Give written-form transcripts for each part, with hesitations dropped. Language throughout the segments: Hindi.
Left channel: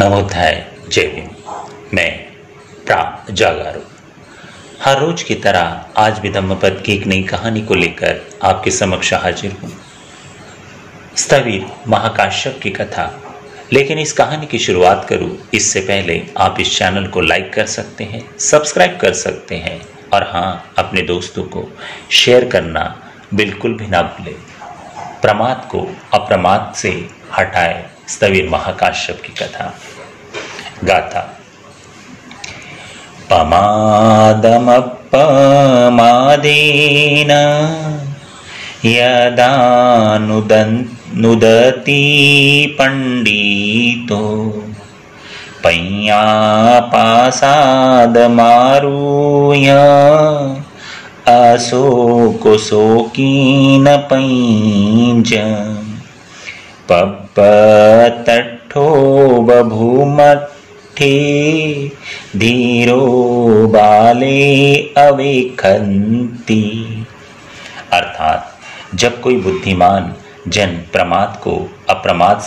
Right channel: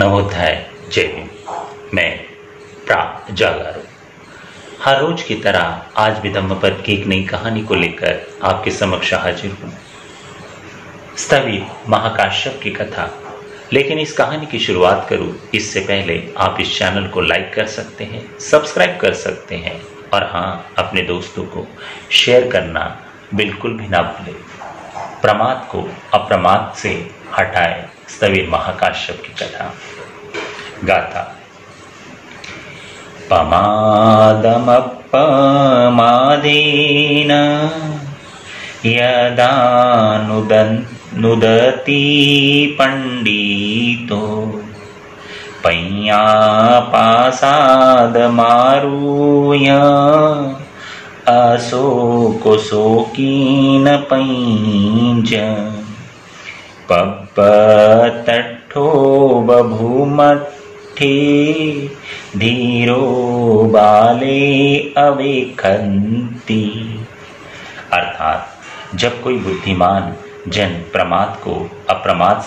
नवोदय जय भीम। मैं जागारू हर रोज की तरह आज भी धम्मपद की एक नई कहानी को लेकर आपके समक्ष हाजिर हूं। स्थविर महाकाश्यप की कथा। लेकिन इस कहानी की शुरुआत करूं इससे पहले आप इस चैनल को लाइक कर सकते हैं, सब्सक्राइब कर सकते हैं और हाँ, अपने दोस्तों को शेयर करना बिल्कुल भी ना भूलें। प्रमाद को अप्रमाद से हटाए स्थविर महाकाश्यप की कथा। गाथा। पमादमपमादेन यदा नुदति पंडितो पय्यापासादमारुह्य अशोकशोकीन पैञ्ज पब्बतट्ठो बभूमट्ठे धीरो बाले अवेखन्ति। अर्थात जब कोई बुद्धिमान जन प्रमाद को अप्रमाद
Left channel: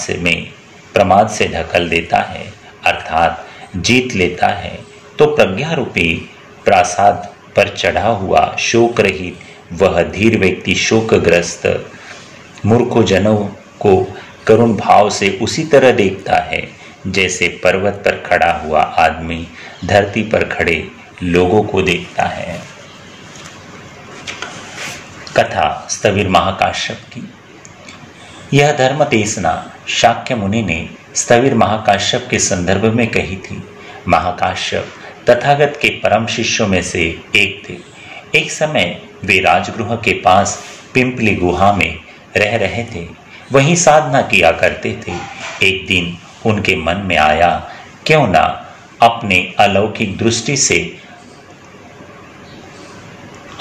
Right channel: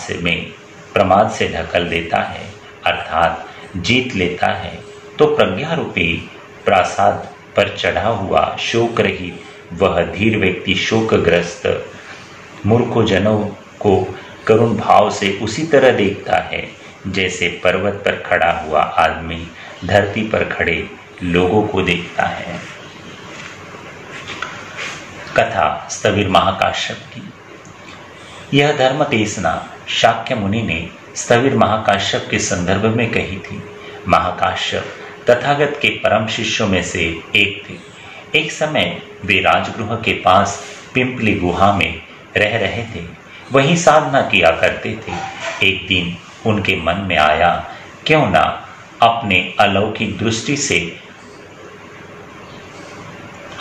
से ढकल देता है, अर्थात जीत लेता है, तो प्रज्ञा रूपी प्रासाद पर चढ़ा हुआ शोक रहित वह धीर व्यक्ति शोकग्रस्त मूर्खों जनों को करुण भाव से उसी तरह देखता है जैसे पर्वत पर खड़ा हुआ आदमी धरती पर खड़े लोगों को देखता है। कथा स्थविर महाकाश्यप की। यह धर्म देशना शाक्य मुनि ने स्थविर महाकाश्यप के संदर्भ में कही थी। महाकाश्यप तथागत के परम शिष्यों में से एक थे। एक समय वे राजगृह के पास पिंपली गुहा में रह रहे थे, वहीं साधना किया करते थे। एक दिन उनके मन में आया, क्यों ना अपने अलौकिक दृष्टि से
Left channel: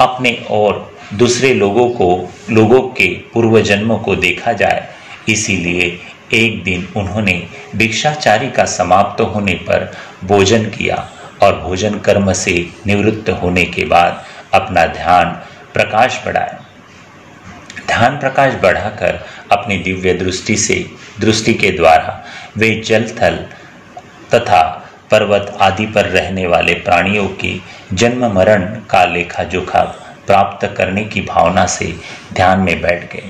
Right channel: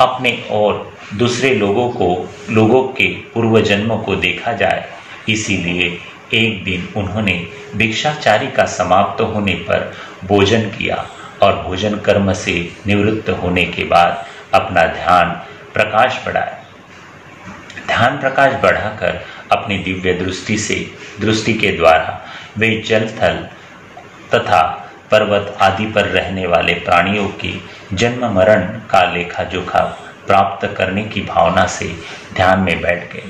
अपने और दूसरे लोगों के पूर्व जन्मों को देखा जाए। इसीलिए एक दिन उन्होंने भिक्षाचारी का समाप्त होने पर भोजन किया और भोजन कर्म से निवृत्त होने के बाद अपना ध्यान प्रकाश बढ़ाकर अपनी दिव्य दृष्टि के द्वारा वे जल थल तथा पर्वत आदि पर रहने वाले प्राणियों के जन्म मरण का लेखा जोखा प्राप्त करने की भावना से ध्यान में बैठ गए।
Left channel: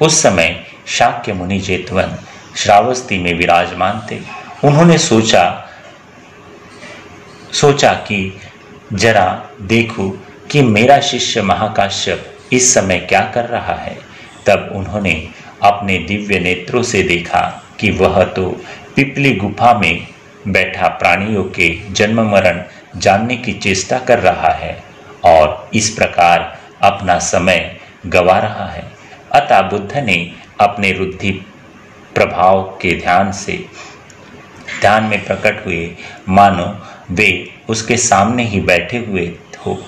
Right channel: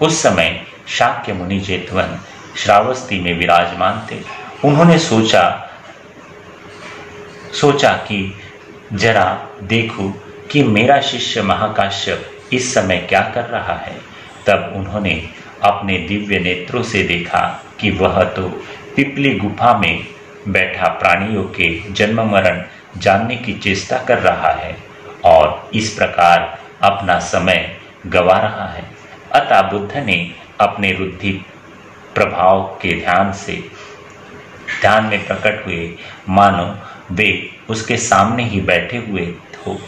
उस समय शाक्य मुनि जेतवन श्रावस्ती में विराजमान थे। उन्होंने सोचा कि जरा देखूं कि मेरा शिष्य महाकाश्यप इस समय क्या कर रहा है। तब उन्होंने अपने दिव्य नेत्रों से देखा कि वह तो पिपली गुफा में बैठा प्राणियों के जन्म मरण जानने की चेष्टा कर रहा है और इस प्रकार अपना समय गवा रहा है। अतः बुद्ध ने अपने रुद्धि प्रभाव के ध्यान में प्रकट हुए मानो वे उसके सामने ही बैठे हुए हो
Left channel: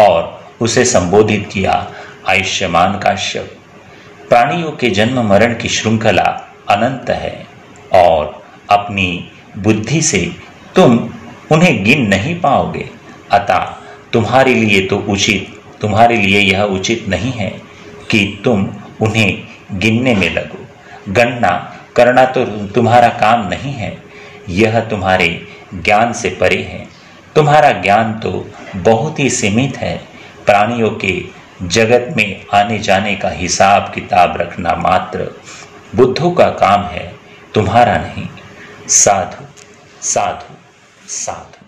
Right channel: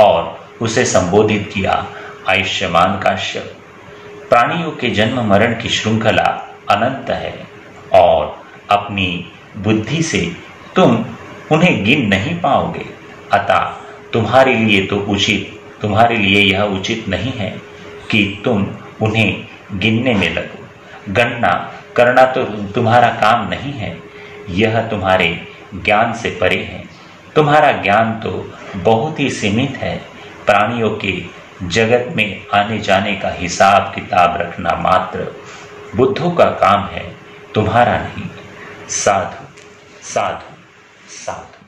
और उसे संबोधित किया, आयुष्मान काश्यप, प्राणियों के जन्म मरण की श्रृंखला अनंत है और अपनी बुद्धि से तुम उन्हें गिन नहीं पाओगे। अतः तुम्हारे लिए यह उचित नहीं है कि तुम उन्हें गिनने में लगो। गणना करना तो तुम्हारा काम नहीं है, यह तुम्हारे ज्ञान से परे है। तुम्हारा ज्ञान तो बहुत ही सीमित है। प्राणियों के जगत में आने जाने का हिसाब किताब रखना मात्र बुद्धों का काम है, तुम्हारा नहीं। साधु साधु साधु।